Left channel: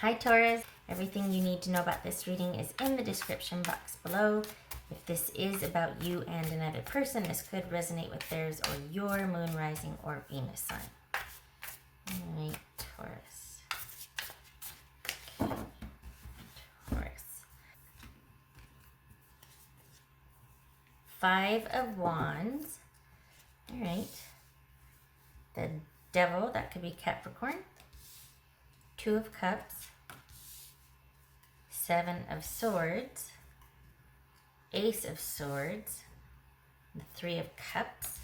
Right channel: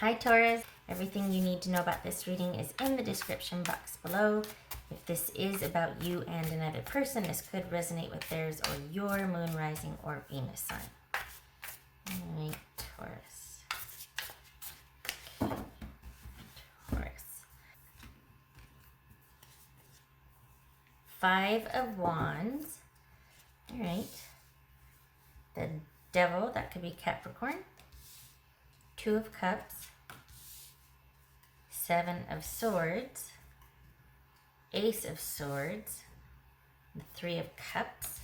Hi Taurus, everything you need to know about this reading is in the description box below. If this is about you and another person, this could resonate with theirs or your moon, rising, or Venus sign. Alright, Taurus. Taurus. 5 of Wands. Alright. The Devil, that could be Capricorn. 2 of Cups. 7 of Swords. Ace of Swords. The 3 of Cups.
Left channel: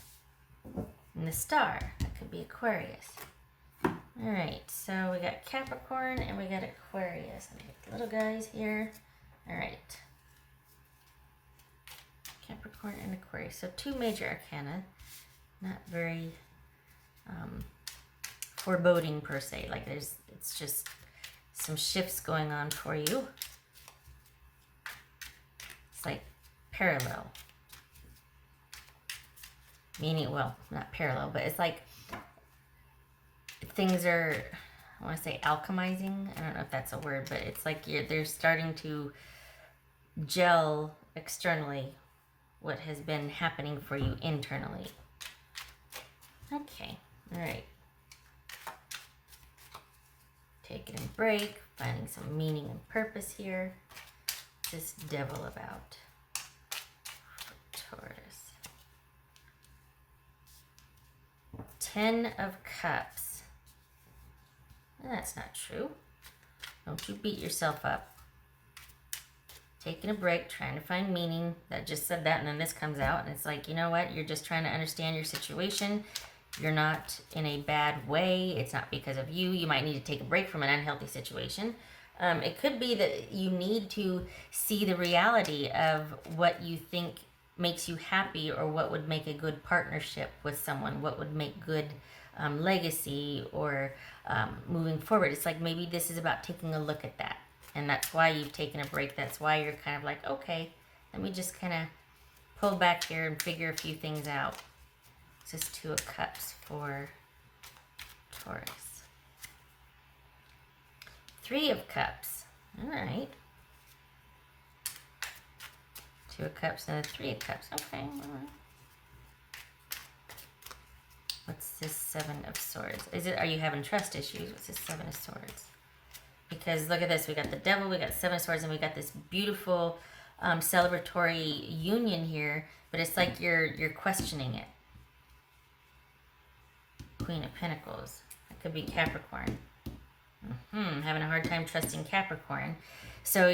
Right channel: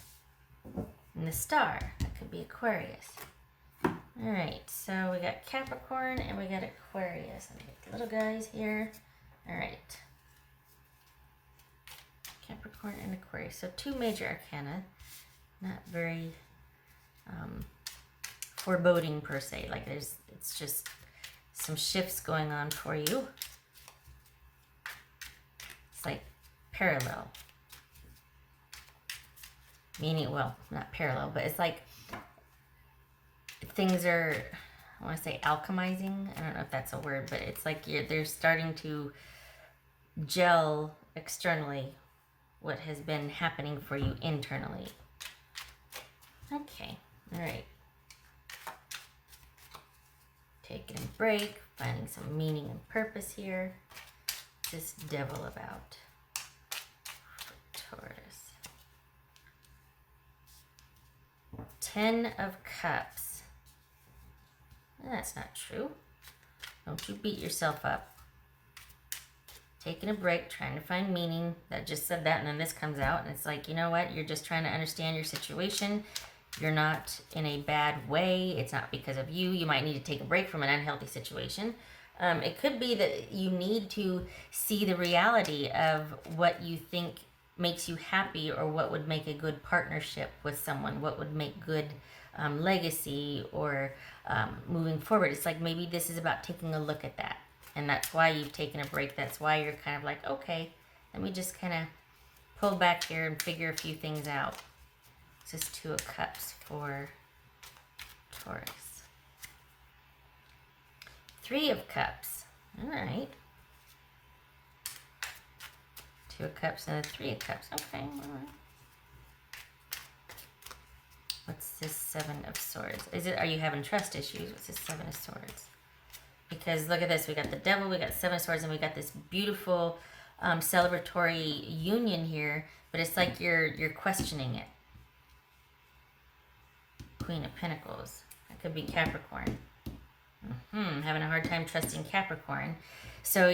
And the Star, that could be Aquarius. Alright, so we got Capricorn and we got Aquarius. The little guys here. Alright. Capricorn and Aquarius. So 2 major arcana. Not very foreboding per se. Like it's just some shifts going on for you. It's like parallel. Meaning, well, not parallel, but it's like things are, I want to say alchemizing. I don't know if that's a word, but it's like they're starting to gel externally what has been happening for you internally. Okay, all right. Taking a break, finding some meaning and purpose here. This Devil about Taurus. 10 of Cups. That's not true. Don't you beat yourself up. Taking a break, trying to find meaning. That just said that, and then this comes out, and it's like, you know what? You're just trying to understand your situation. You're not in a bad way. It's not because of you. You might need to take a break from an unhealthy situation. It could be that you need to see the reality of what you think makes you happy, or what would make a good partnership with someone, what would make good legacy, or moving forward. It's like maybe this is about taking a look at that. And that's why you've taken a break. That's why you're kind of like, okay, let me just kind of pull back here and figure a few things out. This is 2 of Cups for Taurus. 3 of Cups. All right. 2 of Cups and 3 of Cups. Okay. All right. What's this 7 of Swords? Are you having trust issues? What's this 7 of Swords? Because look at this. We got the Devil, we got 7 of Swords, and we got this beautiful celebratory union here. But it's like you're questioning it. Queen of Pentacles. That could be Capricorn. I'm having a hard time trusting Capricorn. So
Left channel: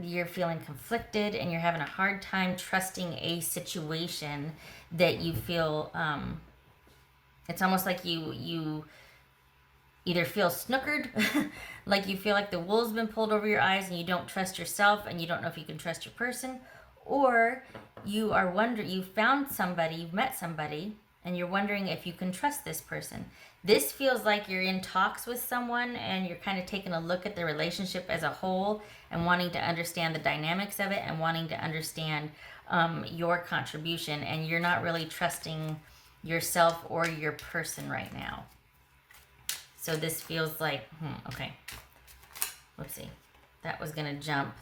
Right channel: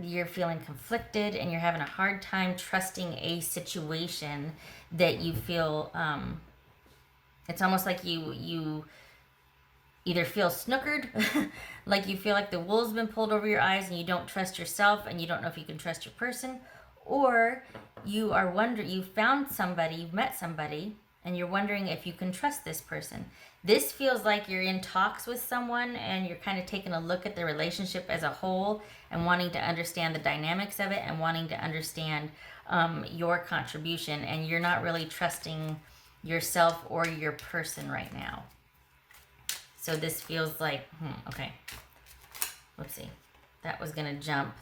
you're feeling conflicted, and you're having a hard time trusting a situation that you feel, it's almost like you either feel snookered, like you feel like the wool's been pulled over your eyes and you don't trust yourself and you don't know if you can trust your person, or you are wondering, you found somebody, you've met somebody, and you're wondering if you can trust this person. This feels like you're in talks with someone and you're kind of taking a look at the relationship as a whole and wanting to understand the dynamics of it and wanting to understand your contribution, and you're not really trusting yourself or your person right now. So this feels like, okay, whoopsie. That was going to jump.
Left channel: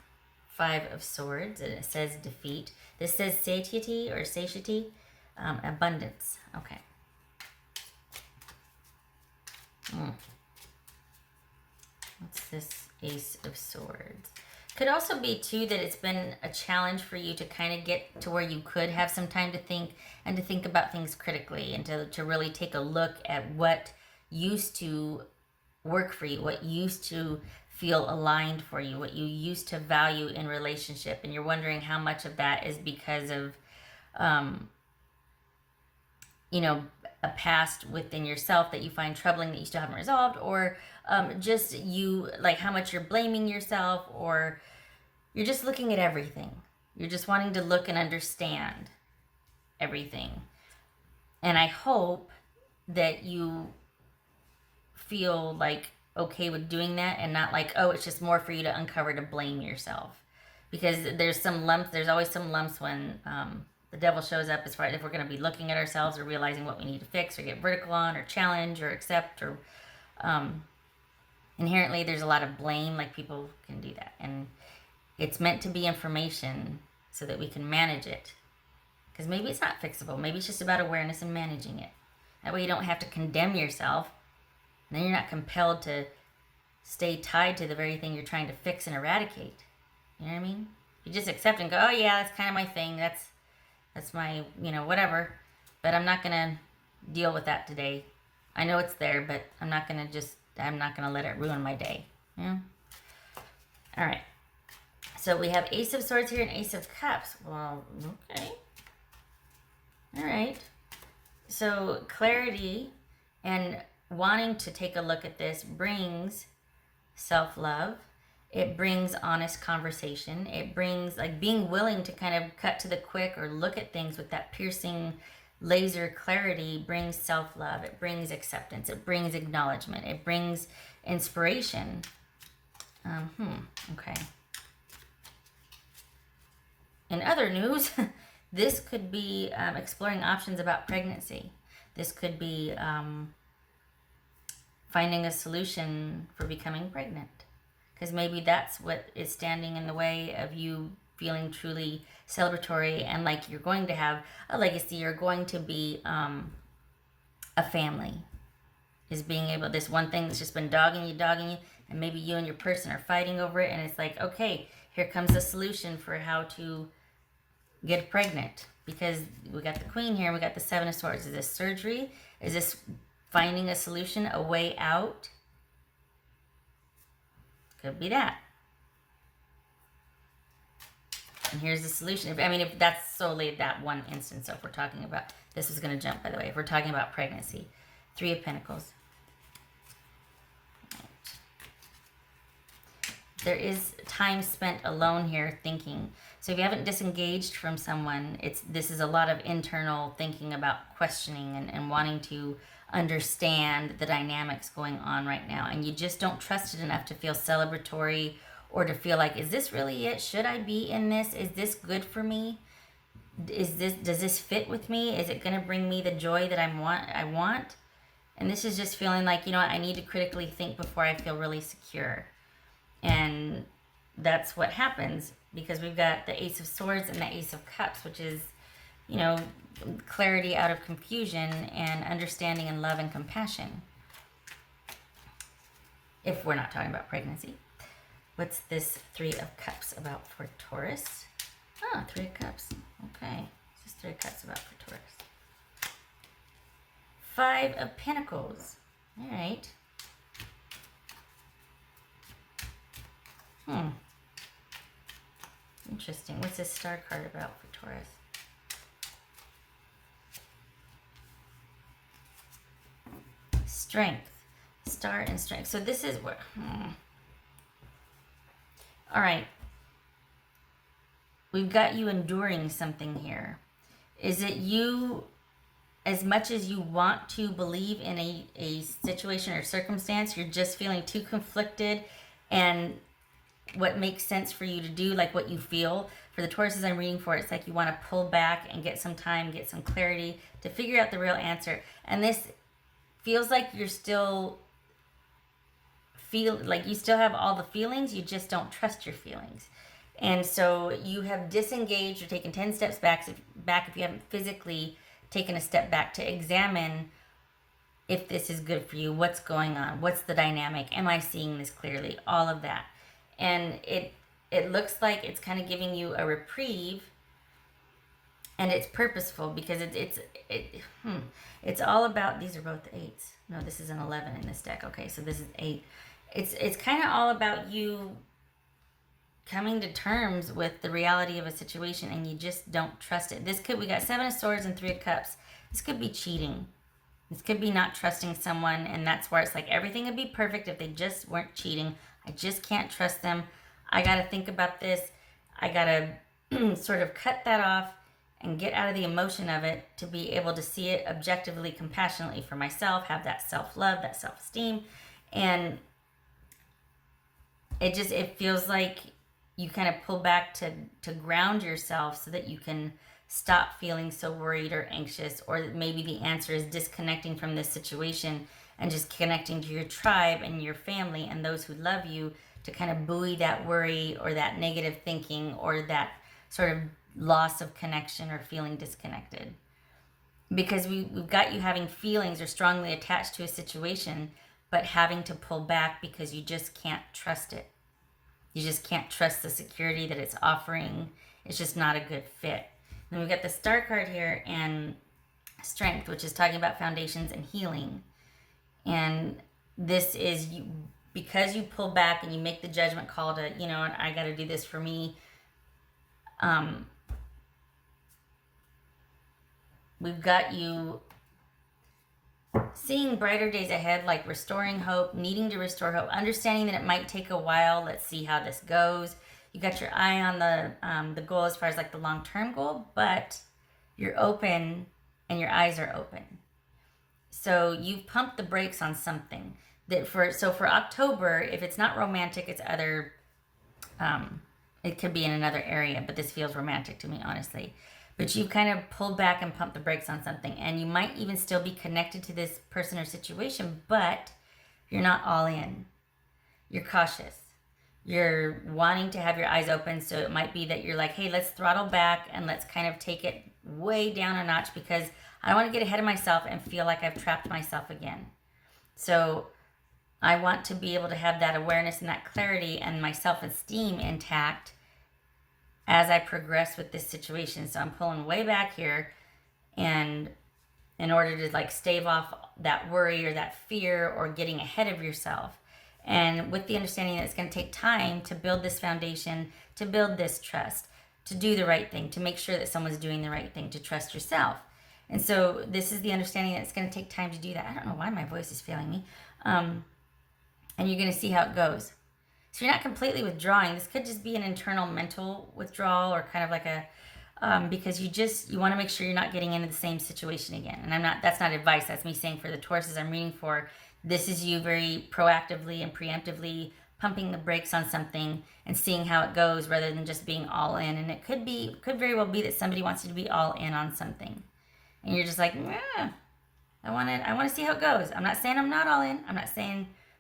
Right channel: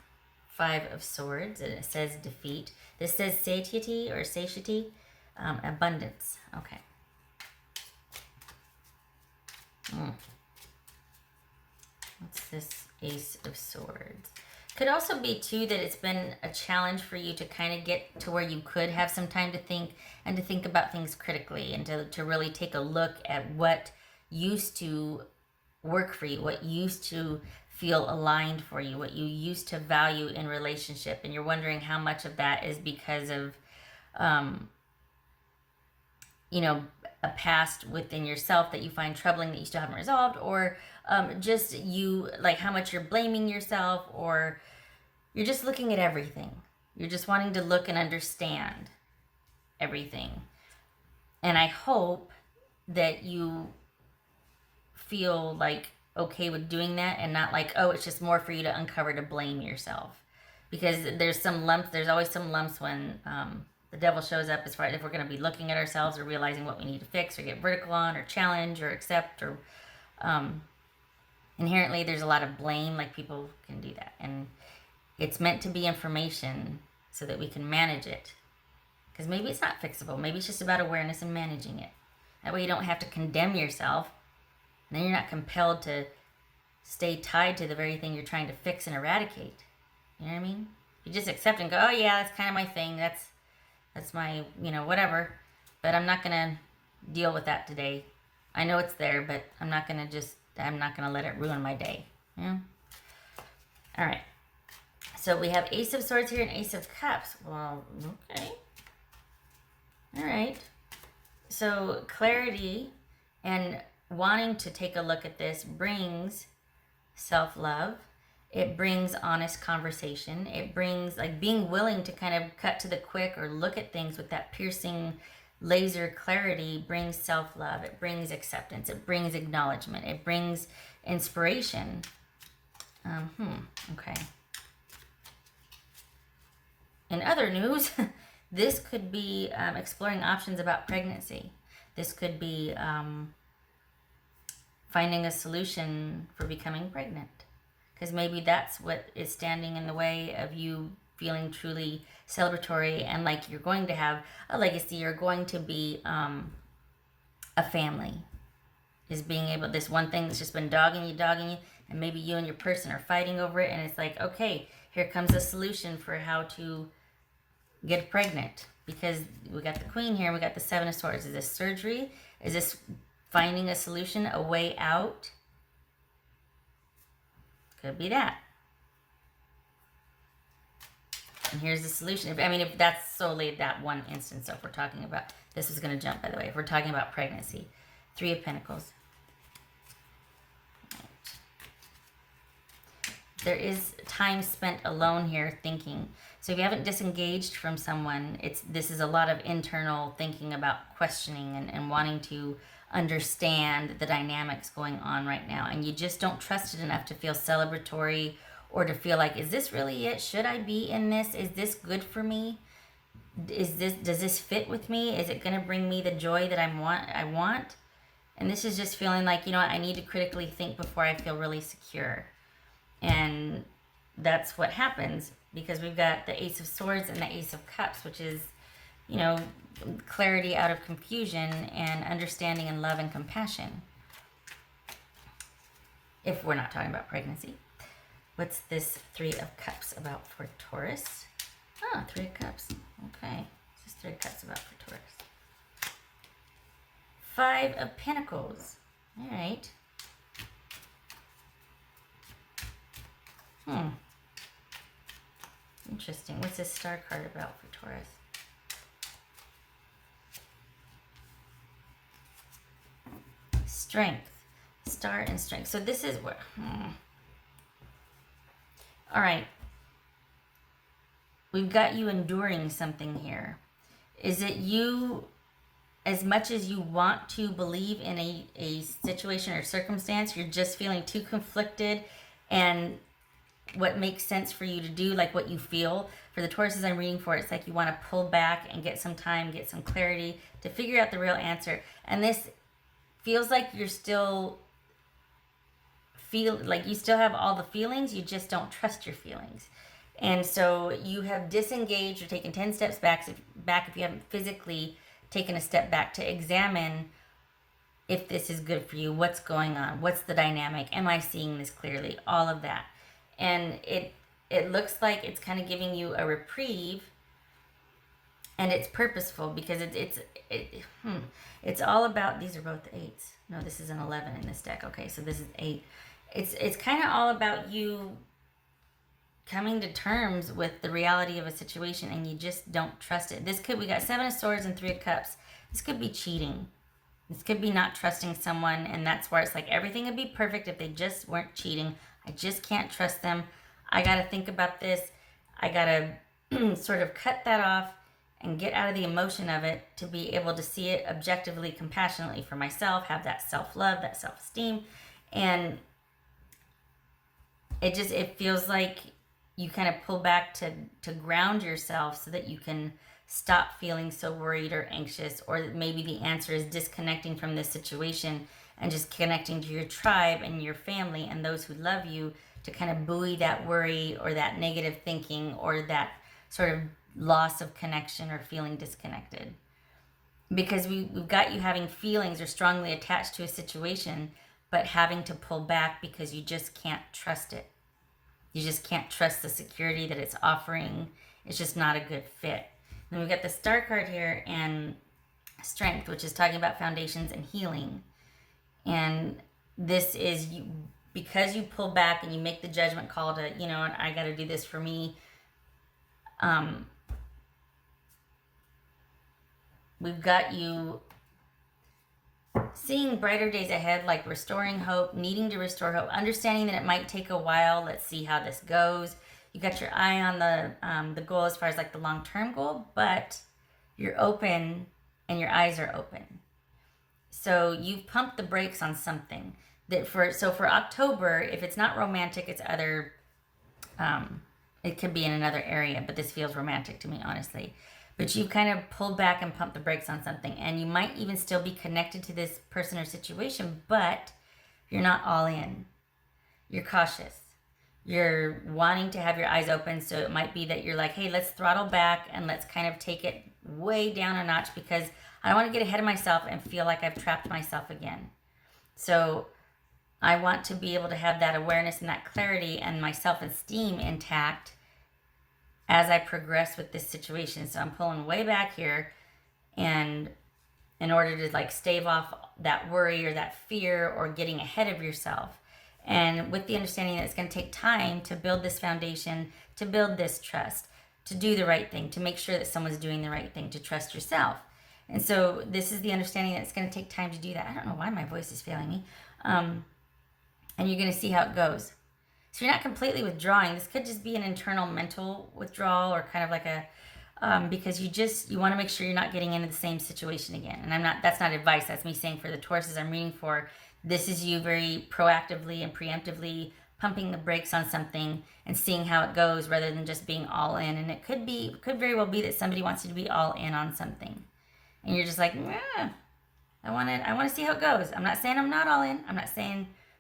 5 of Swords, and it says defeat. This says satiety or satiety. Abundance. Okay. What's this Ace of Swords? Could also be, too, that it's been a challenge for you to kind of get to where you could have some time to think, and to think about things critically, and to really take a look at what used to work for you, what used to feel aligned for you, what you used to value in relationship, and you're wondering how much of that is because of a past within yourself that you find troubling that you still haven't resolved, or just you, like how much you're blaming yourself, or you're just looking at everything. You're just wanting to look and understand everything. And I hope that you feel like okay with doing that, and not like, oh, it's just more for you to uncover to blame yourself. Because there's some lumps, there's always some lumps when the Devil shows up, as far as if we're going to be looking at ourselves or realizing what we need to fix or get vertical on or challenge or accept or Inherently, there's a lot of blame, like people can do that. And it's meant to be information so that we can manage it. Because maybe it's not fixable. Maybe it's just about awareness and managing it. That way you don't have to condemn yourself. And then you're not compelled to stay tied to the very thing you're trying to fix and eradicate. You know what I mean? You just accept and go, oh yeah, that's kind of my thing. That's my, whatever. But I'm not going to deal with that today. I know it's there, but I'm not going to let it ruin my day. Yeah? All right. So we have Ace of Swords here and Ace of Cups. Well, okay. All right. So clarity and wanting to take a look at this brings self-love. It brings honest conversation. It brings like being willing to kind of cut to the quick or look at things with that piercing laser clarity brings self-love. It brings acceptance. It brings acknowledgement. It brings inspiration. Okay. In other news, this could be exploring options about pregnancy. This could be finding a solution for becoming pregnant. Because maybe that's what is standing in the way of you feeling truly celebratory and like you're going to have a legacy, you're going to be a family. Is being able, this one thing that's just been dogging you, and maybe you and your person are fighting over it, and it's like, okay, here comes a solution for how to get pregnant. Because we got the Queen here, and we got the Seven of Swords. Is this surgery? Is this finding a solution, a way out? Could be that. And here's the solution. If that's solely that one instance, if we're talking about, this is going to jump, by the way, if we're talking about pregnancy. Three of Pentacles. There is time spent alone here thinking. So if you haven't disengaged from someone, this is a lot of internal thinking about questioning and wanting to understand the dynamics going on right now. And you just don't trust it enough to feel celebratory or to feel like, is this really it? Should I be in this? Is this good for me? Does this fit with me? Is it going to bring me the joy that I want? And this is just feeling like, I need to critically think before I feel really secure. And that's what happens because we've got the Ace of Swords and the Ace of Cups, which is, clarity out of confusion and understanding and love and compassion. If we're not talking about pregnancy. What's this Three of Cups about for Taurus? Three of Cups. Okay. This is Three of Cups about for Taurus. Five of Pentacles. All right. Interesting. What's this star card about for Taurus? Strength. Star and strength. So this is what... All right. We've got you enduring something here. Is it you, as much as you want to believe in a situation or circumstance, you're just feeling too conflicted and what makes sense for you to do, like what you feel? For the Tauruses I'm reading for, it's like you want to pull back and get some time, get some clarity to figure out the real answer. And this feels like you're still you still have all the feelings, you just don't trust your feelings. And so you have disengaged or taken 10 steps back if you haven't physically taken a step back to examine if this is good for you, what's going on, what's the dynamic, am I seeing this clearly, all of that. And it looks like it's kind of giving you a reprieve, and it's purposeful because it's all about, these are both 8s. No, this is an 11 in this deck. Okay, so this is 8. It's kind of all about you coming to terms with the reality of a situation, and you just don't trust it. We got 7 of Swords and 3 of Cups. This could be cheating. This could be not trusting someone, and that's where it's like everything would be perfect if they just weren't cheating. I just can't trust them. I got to think about this. I got to sort of cut that off and get out of the emotion of it to be able to see it objectively, compassionately for myself, have that self-love, that self-esteem. And it feels like you kind of pull back to ground yourself so that you can stop feeling so worried or anxious, or maybe the answer is disconnecting from this situation and just connecting to your tribe and your family and those who love you to kind of buoy that worry or that negative thinking or that sort of loss of connection or feeling disconnected. Because we've got you having feelings or strongly attached to a situation, but having to pull back because you just can't trust it. You just can't trust the security that it's offering. It's just not a good fit. Then we've got the Star card here and Strength, which is talking about foundations and healing. And this is you, because you pull back and you make the judgment call to, you know, I got to do this for me. We've got you seeing brighter days ahead, like restoring hope, needing to restore hope, understanding that it might take a while. Let's see how this goes. You got your eye on the goal as far as like the long-term goal, but you're open and your eyes are open. So you've pumped the brakes on something that for October, if it's not romantic, it's other, it could be in another area, but this feels romantic to me, honestly. But you've kind of pulled back and pumped the brakes on something, and you might even still be connected to this person or situation, but you're not all in. You're cautious. You're wanting to have your eyes open, so it might be that you're like, hey, let's throttle back and let's kind of take it way down a notch because I don't want to get ahead of myself and feel like I've trapped myself again. So I want to be able to have that awareness and that clarity and my self-esteem intact as I progress with this situation. So I'm pulling way back here, and in order to like stave off that worry or that fear or getting ahead of yourself, and with the understanding that it's going to take time to build this foundation, to build this trust, to do the right thing, to make sure that someone's doing the right thing, to trust yourself. And so this is the understanding that it's going to take time to do that. I don't know why my voice is failing me. And you're going to see how it goes. So you're not completely withdrawing. This could just be an internal mental withdrawal or kind of like a, because you want to make sure you're not getting into the same situation again. And that's not advice. That's me saying for the Tauruses I'm reading for, this is you very proactively and preemptively pumping the brakes on something and seeing how it goes rather than just being all in. And it could very well be that somebody wants you to be all in on something. And you're just like, yeah, I want to see how it goes. I'm not saying I'm not all in.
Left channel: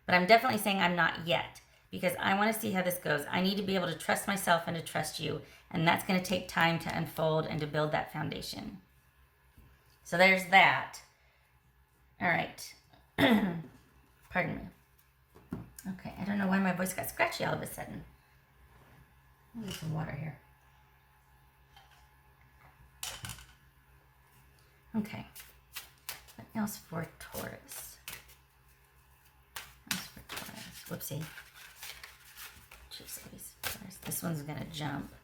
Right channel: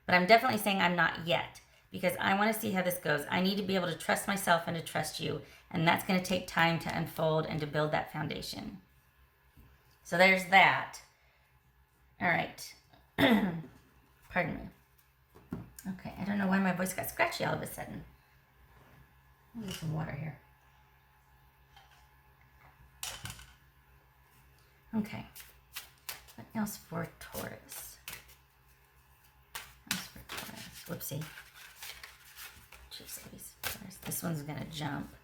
But I'm definitely saying I'm not yet. Because I want to see how this goes. I need to be able to trust myself and to trust you. And that's going to take time to unfold and to build that foundation. So there's that. All right. Pardon me. Okay, I don't know why my voice got scratchy all of a sudden. I'll get some water here. Okay. What else for Taurus? Let's see. This one's going to jump.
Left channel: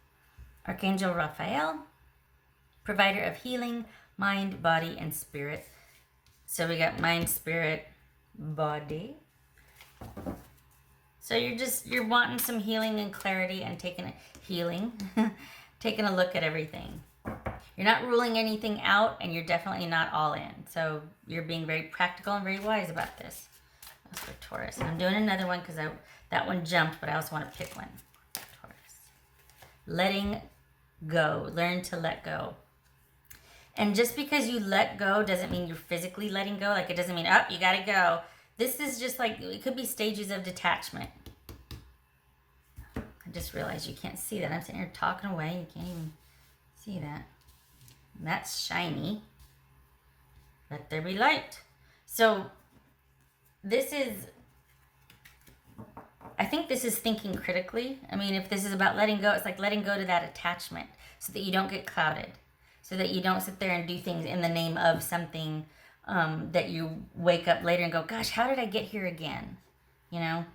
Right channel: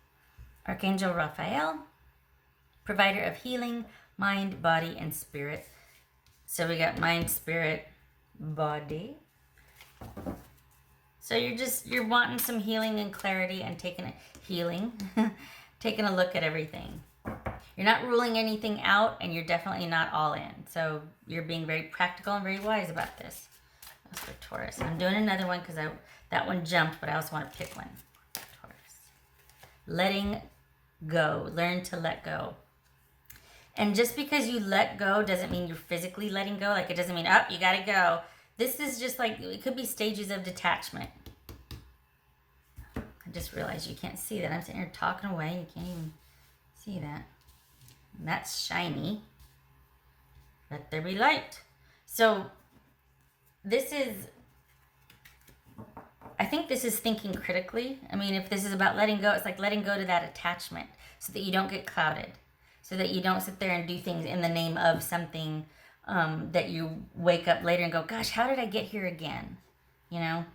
Archangel Raphael, provider of healing, mind, body, and spirit. So we got mind, spirit, body. So you're wanting some healing and clarity and taking a look at everything. You're not ruling anything out, and you're definitely not all in. So you're being very practical and very wise about this. That's for Taurus. I'm doing another one because that one jumped, but I also want to pick one. Letting go. Learn to let go. And just because you let go doesn't mean you're physically letting go. Like, it doesn't mean, oh, you gotta go. This is just like, it could be stages of detachment. I just realized you can't see that. I'm sitting here talking away. You can't even see that. And that's shiny. Let there be light. So, I think this is thinking critically. I mean, if this is about letting go, it's like letting go to that attachment so that you don't get clouded. So that you don't sit there and do things in the name of something that you wake up later and go, gosh, how did I get here again? You know?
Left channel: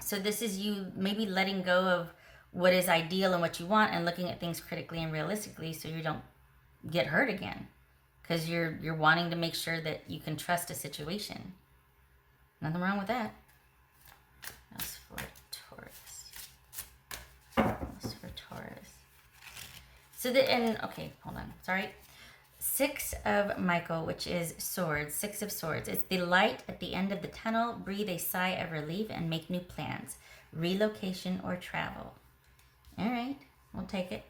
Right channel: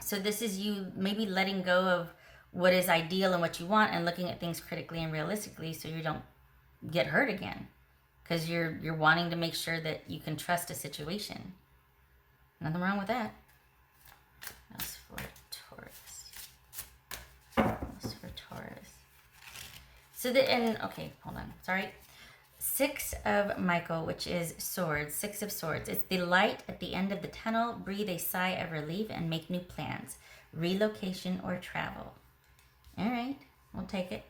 So this is you maybe letting go of what is ideal and what you want and looking at things critically and realistically so you don't get hurt again. Because you're wanting to make sure that you can trust a situation. Nothing wrong with that. That's for Taurus. So okay, hold on. Sorry. 6 of Michael, which is swords. 6 of swords. It's the light at the end of the tunnel. Breathe a sigh of relief and make new plans. Relocation or travel. All right, we'll take it.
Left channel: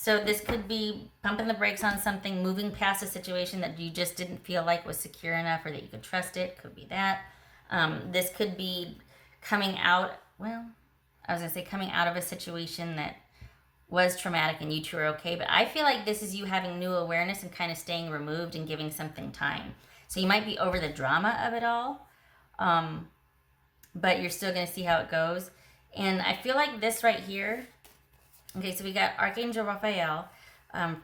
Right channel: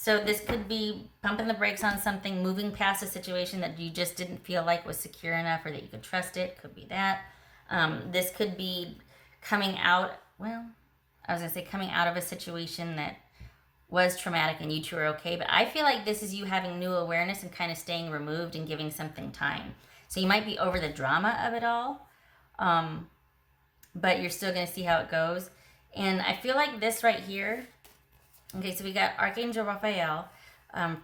So this could be pumping the brakes on something, moving past a situation that you just didn't feel like was secure enough or that you could trust it. Could be that. This could be coming out, well, I was going to say coming out of a situation that was traumatic and you two are okay, but I feel like this is you having new awareness and kind of staying removed and giving something time. So you might be over the drama of it all, but you're still going to see how it goes. And I feel like this right here, okay, so we got Archangel Raphael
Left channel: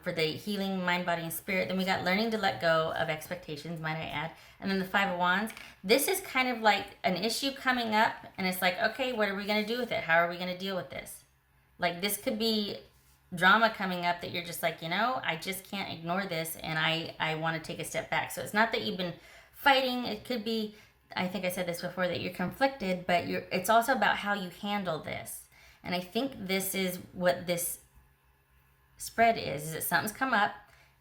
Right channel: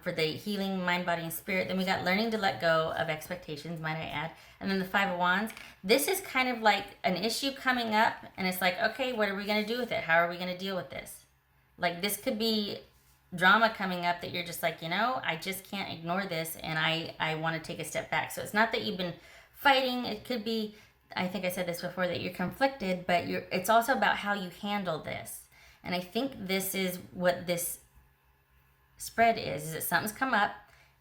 for the healing mind, body, and spirit. Then we got learning to let go of expectations, might I add. And then the Five of Wands. This is kind of like an issue coming up, and it's like, okay, what are we going to do with it? How are we going to deal with this? Like, this could be drama coming up that you're just like, I just can't ignore this, and I want to take a step back. So it's not that you've been fighting. It could be, I think I said this before, that you're conflicted, but it's also about how you handle this. And I think this is what this spread is that something's come up,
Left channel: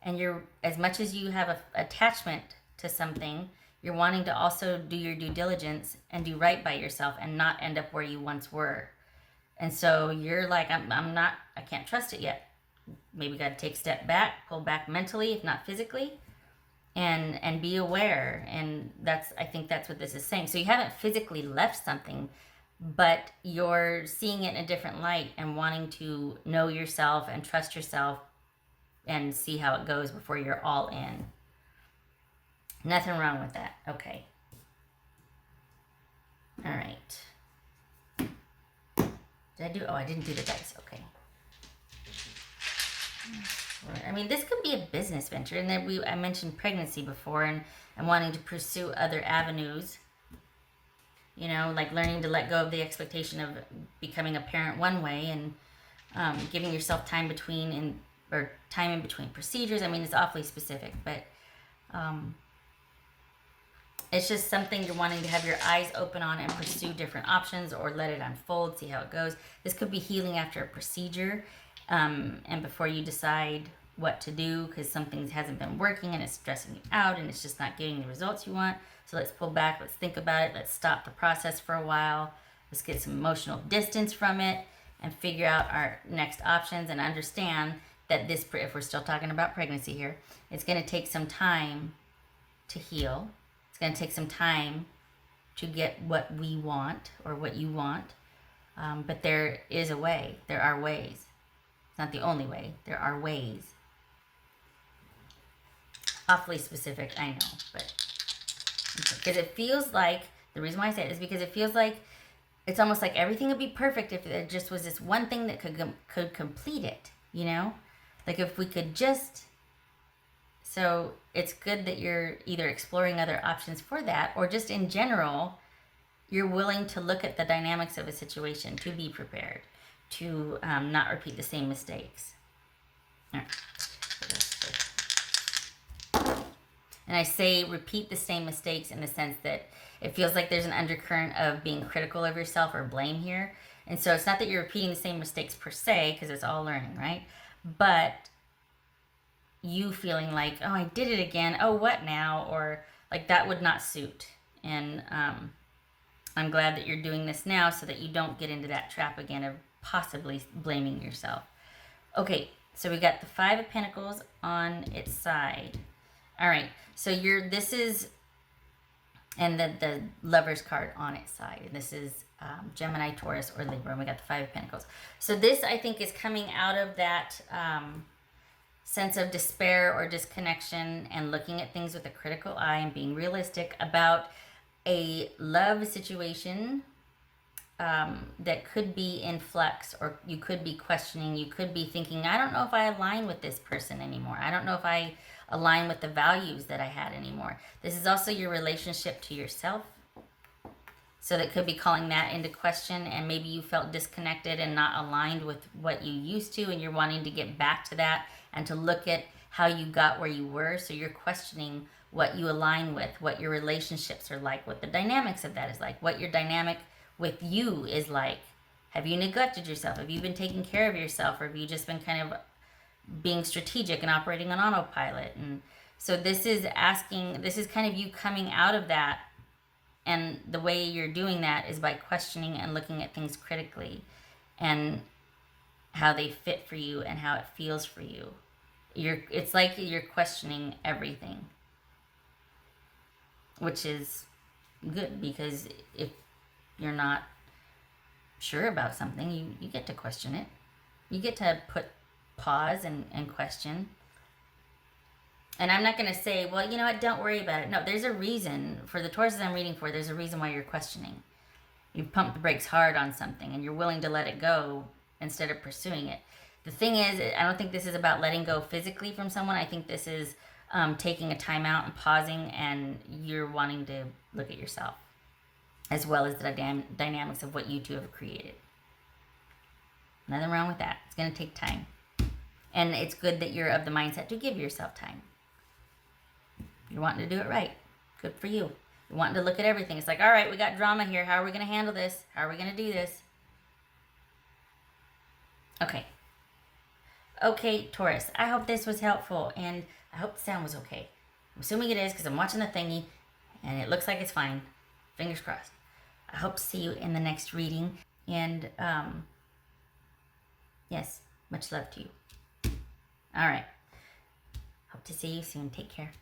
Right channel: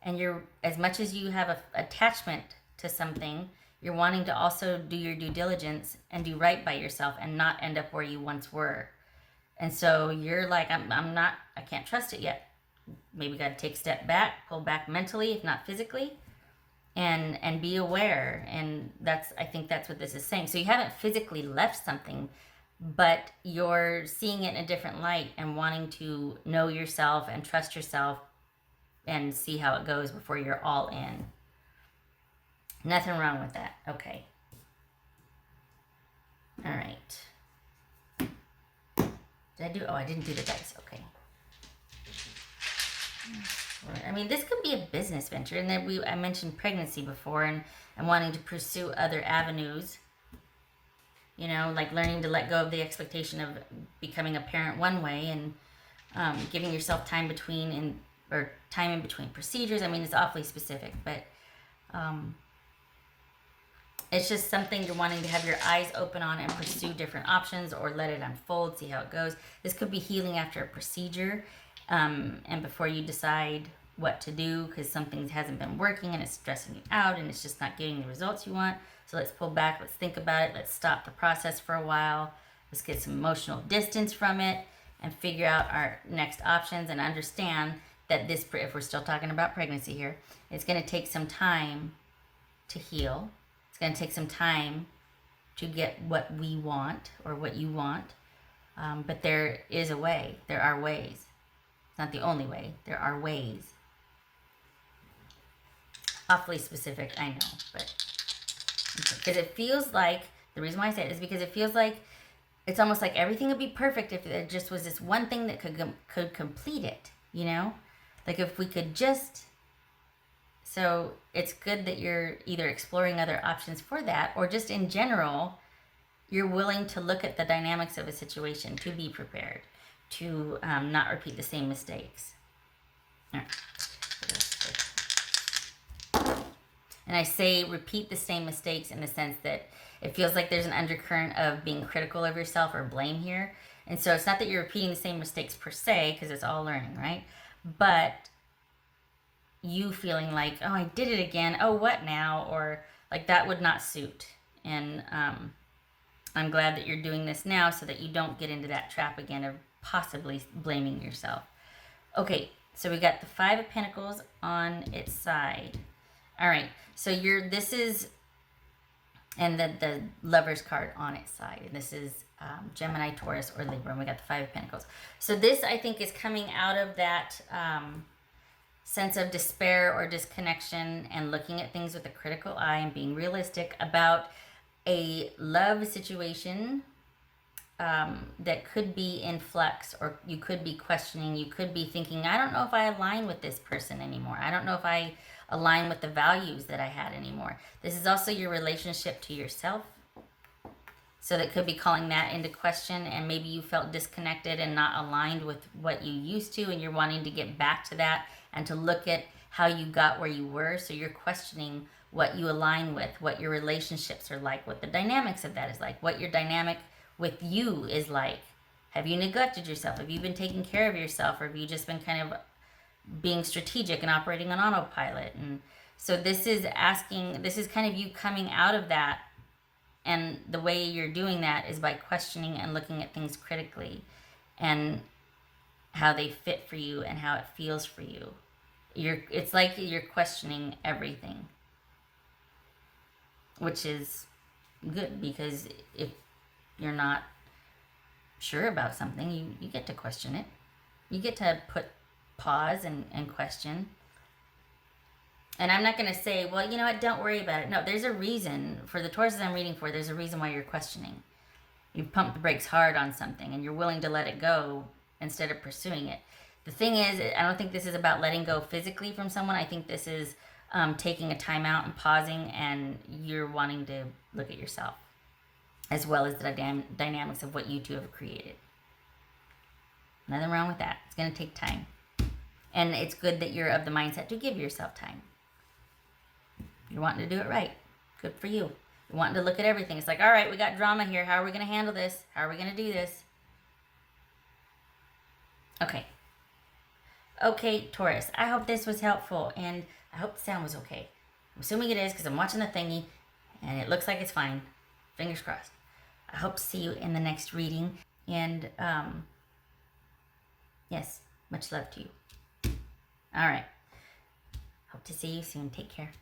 and you're, as much as you have an attachment to something, you're wanting to also do your due diligence and do right by yourself and not end up where you once were. And so you're like, I can't trust it yet. Maybe got to take a step back, pull back mentally, if not physically, and be aware. And I think that's what this is saying. So you haven't physically left something, but you're seeing it in a different light and wanting to know yourself and trust yourself and see how it goes before you're all in. Nothing wrong with that. Okay. All right. Did I do? Oh, I didn't do the dice. Okay. I mean, this could be a business venture, and then I mentioned pregnancy before, and wanting to pursue other avenues. Like learning to let go of the expectation of becoming a parent one way, and giving yourself time time in between procedures. I mean, it's awfully specific, but it's just something you're wanting to have your eyes open on and pursue different options, or let it unfold, see how it goes. This could be healing after a procedure, and before you decide what to do because something hasn't been working and it's stressing you out and it's just not getting the results you want. So let's pull back, let's think about it, let's stop the process for a while, let's get some emotional distance from it and figure out our next options, and understand that this, if we're still talking about pregnancy here, it's going to take some time to heal. It's going to take some time to get what we want or what you want, but there is a way. There are ways. It's not the only way. There are ways. Awfully specific, I know, but because it feels like, the reason why I say it is because it feels like it's almost like everything would be perfect if there just was this one thing that could complete it, like if we could just. So it's good that you're either exploring other options for that, or just in general, you're willing to look at the dynamics of a situation to be prepared, to not repeat the same mistakes. And I say repeat the same mistakes in the sense that it feels like there's an undercurrent of being critical of yourself or blame here. And so it's not that you're repeating the same mistakes per se, because it's all learning, right? But you feeling like, oh, I did it again. Oh, what now? Or like that would not suit. And I'm glad that you're doing this now so that you don't get into that trap again of possibly blaming yourself. Okay, so we got the Five of Pentacles on its side. All right, so this is, and the Lover's card on its side. This is Gemini, Taurus, or Libra, and we got the Five of Pentacles. So this, I think, is coming out of that sense of despair or disconnection and looking at things with a critical eye and being realistic about a love situation that could be in flux, or you could be questioning, you could be thinking, I don't know if I align with this person anymore. I don't know if I align with the values that I had anymore. This is also your relationship to yourself. So that could be calling that into question, and maybe you felt disconnected and not aligned with what you used to, and you're wanting to get back to that and to look at how you got where you were. So you're questioning what you align with, what your relationships are like, what the dynamics of that is like, what your dynamic with you is like. Have you neglected yourself? Have you been taking care of yourself? Or have you just been kind of being strategic and operating on autopilot? And so this is kind of you coming out of that. And the way you're doing that is by questioning and looking at things critically. And how they fit for you and how it feels for you. It's like you're questioning everything, which is good, because if you're not sure about something, you get to question it. You get to pause and question. And I'm not going to say, well, you know what, don't worry about it. No, there's a reason. For the Tauruses I'm reading for, there's a reason why you're questioning. You've pumped the brakes hard on something and you're willing to let it go instead of pursuing it. The thing is, I don't think this is about letting go physically from someone. I think this is taking a time out and pausing, and you're wanting to look at yourself, as well as the dynamics of what you two have created. Nothing wrong with that. It's going to take time. And it's good that you're of the mindset to give yourself time. You're wanting to do it right. Good for you. You're wanting to look at everything. It's like, all right, we got drama here. How are we going to handle this? How are we going to do this? Okay. Okay, Taurus. I hope this was helpful, and I hope the sound was okay. I'm assuming it is, because I'm watching the thingy, and it looks like it's fine. Fingers crossed. I hope to see you in the next reading. And, yes, much love to you. All right. Hope to see you soon. Take care.